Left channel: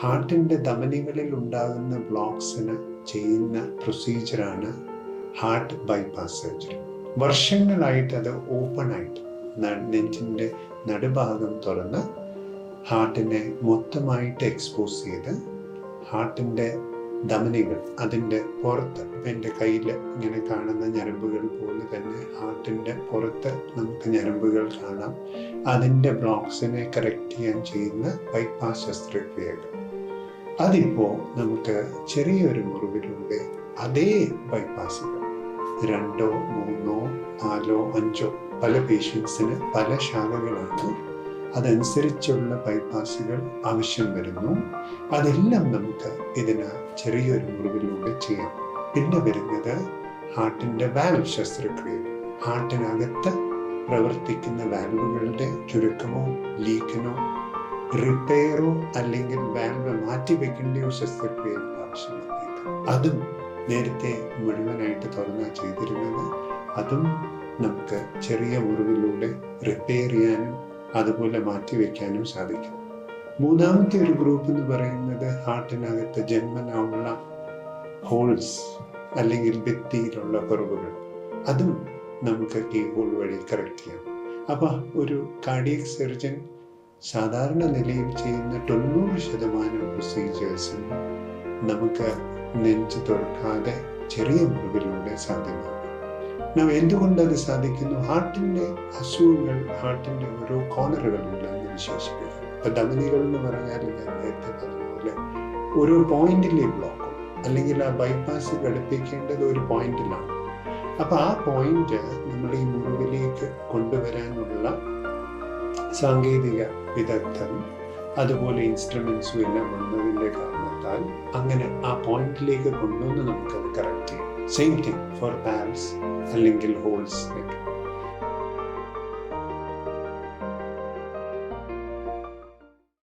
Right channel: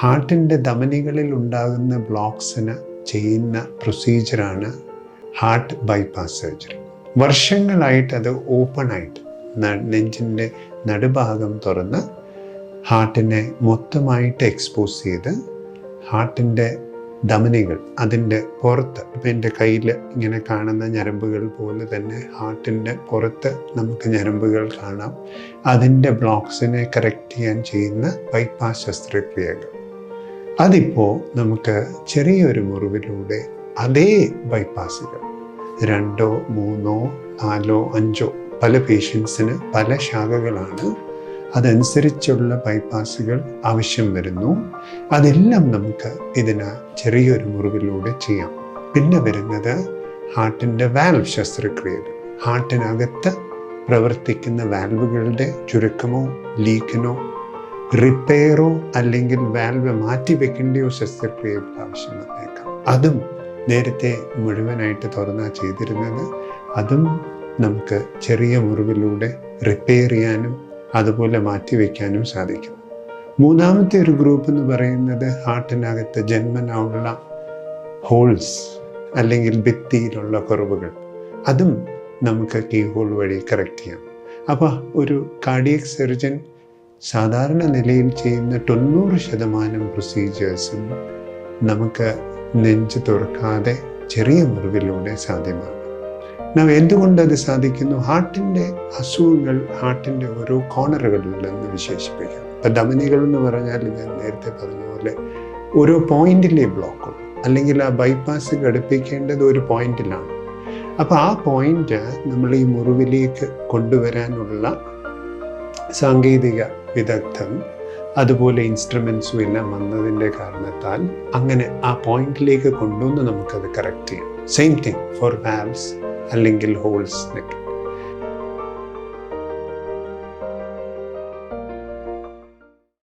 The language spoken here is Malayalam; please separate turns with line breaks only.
ഹാർട്ടിന്റെ ധമനികളിൽ ഉണ്ടാകുന്ന ബ്ലോക്സിന് ചെയ്യുന്ന പ്രൊസീജിയറാണ് ഹാർട്ട് ബൈപ്പാസ് സർജറി. വർഷങ്ങളായിട്ട് അത് ഓപ്പൺ ആയിട്ട് നെഞ്ചിന്റെ നടുഭാഗം തുറന്ന് ഹാർട്ടിനെ മൊത്തമായിട്ട് എക്സ്പോസ് ചെയ്ത് ഹാർട്ടിന്റെ ധമനികൾ അതിന്റെ പുറത്ത് ഇപ്പം എന്റെ കയ്യിൽ ഇങ്ങനെ കാണുന്ന ഞരമ്പുകൾ പോലെ തന്നെ ഹാർട്ടിന്റെ പുറത്ത് നമുക്ക് ഞരമ്പുകൾ കാണാം. അതിന്റെ ബ്ലോക്സിനെ കറക്റ്റ് ചെയ്യാൻ ചെയ്യുന്ന ബൈപ്പാസ് ശസ്ത്രക്രിയകൾ. അതിപ്പോൾ നമുക്ക് ചെറിയൊരു മുറിവിലൂടെ അതേ ബൈപ്പാസുകൾ രണ്ടോ മൂന്നോ നാലോ അഞ്ചോ പല പേഷ്യൻസിന് പല ശാഖകളാണ് അതനുസരിച്ചുള്ള ബൈപ്പാസുകൾ ആവശ്യം വരുന്നു. അതെല്ലാം നമുക്ക് ഇതിന് ചെറിയൊരു മുറിവിലൂടെ ചെയ്യാം. പിന്നെ വരുന്നത് ഹാർട്ടിന്റെ വാൽവ് ശസ്ത്രക്രിയകൾ. ഹാർട്ടിനകത്ത് പ്രവർത്തിക്കുന്ന വാൽവുകളുടെ ചുരുക്കമോ ലീക്കിനോ റിപ്പയറോ അല്ലെങ്കിൽ വാൽവ് മാറ്റി വെക്കേണ്ടിയോ ശസ്ത്രക്രിയ ആവശ്യം വന്നേക്കാം. അതും നേരത്തെ മുഴുവനായിട്ട് തുറന്നാ ചെയ്തിരുന്നത്. അതും നമുക്ക് ചെറിയ മുറിവിലൂടെ റിപ്പയർ ചെയ്യാനും അതുപോലെ മാറ്റി വയ്ക്കാനും സാധിക്കും. മൂന്നാമത്തെ ഒരു ഗ്രൂപ്പ് എന്ന് പറയുന്നത് ഹാർട്ടിനകത്ത് ജന്മനാവുള്ള ഹോൾസ് അല്ലെങ്കിൽ ഭിത്തിയിലുള്ള കുറവുകൾ. അതും നമുക്ക് കീ ഹോൾ വഴി കറക്റ്റ് ചെയ്യാം. അപ്പോൾ ഒരു കാർഡിയക് സർജൻ സാധാരണ നിലയിൽ ചെയ്യുന്ന തൊണ്ണൂറ് ശതമാനം പ്രൊസീജിയേഴ്സും നമുക്ക് നെഞ്ച് തുറക്കാതെ ചെറിയ മുറിവിലൂടെ സാധ്യമാണ്. നാം എന്തുകൊണ്ട് അത് സാധിക്കുന്നു? ഹാർട്ടിന്റെ അസുഖങ്ങൾ ഹാർട്ടിന്റെ ഓരോ കോണറുകളിലെന്ന് വിശേഷിപ്പിക്കാം. ഇപ്പം ധമനികൾ എന്ന് പറഞ്ഞാൽ ഞാൻ നേരത്തെ പറഞ്ഞ പോലെ ഓരോ പോയിന്റിലെ ബ്ലോക്കും അല്ലെങ്കിൽ ആ ബൈപ്പാസ് ഘടിപ്പിക്കേണ്ടത് ഒരു പോയിന്റിലാണ്. അപ്പോൾ ആ പോയിന്റ് നമ്മൾ ഈ മുറിവിലേക്ക് കൊണ്ടുവരാനുള്ള സാങ്കേതിക വിദഗ്ധൻ. അതുപോലെ ഇൻസ്ട്രുമെൻസും എല്ലാം വന്നതിന്റെ കാരണത്താൽ അങ്ങനെ ആ പോയിന്റിലേക്ക് കൊണ്ടുവന്ന് നമുക്കത് കറക്റ്റ് ചെയ്യാം. സെയിം തിങ് ഫോർ വാൽവ്സ് അല്ലെങ്കിൽ ഹോൾസ് നെറ്റ്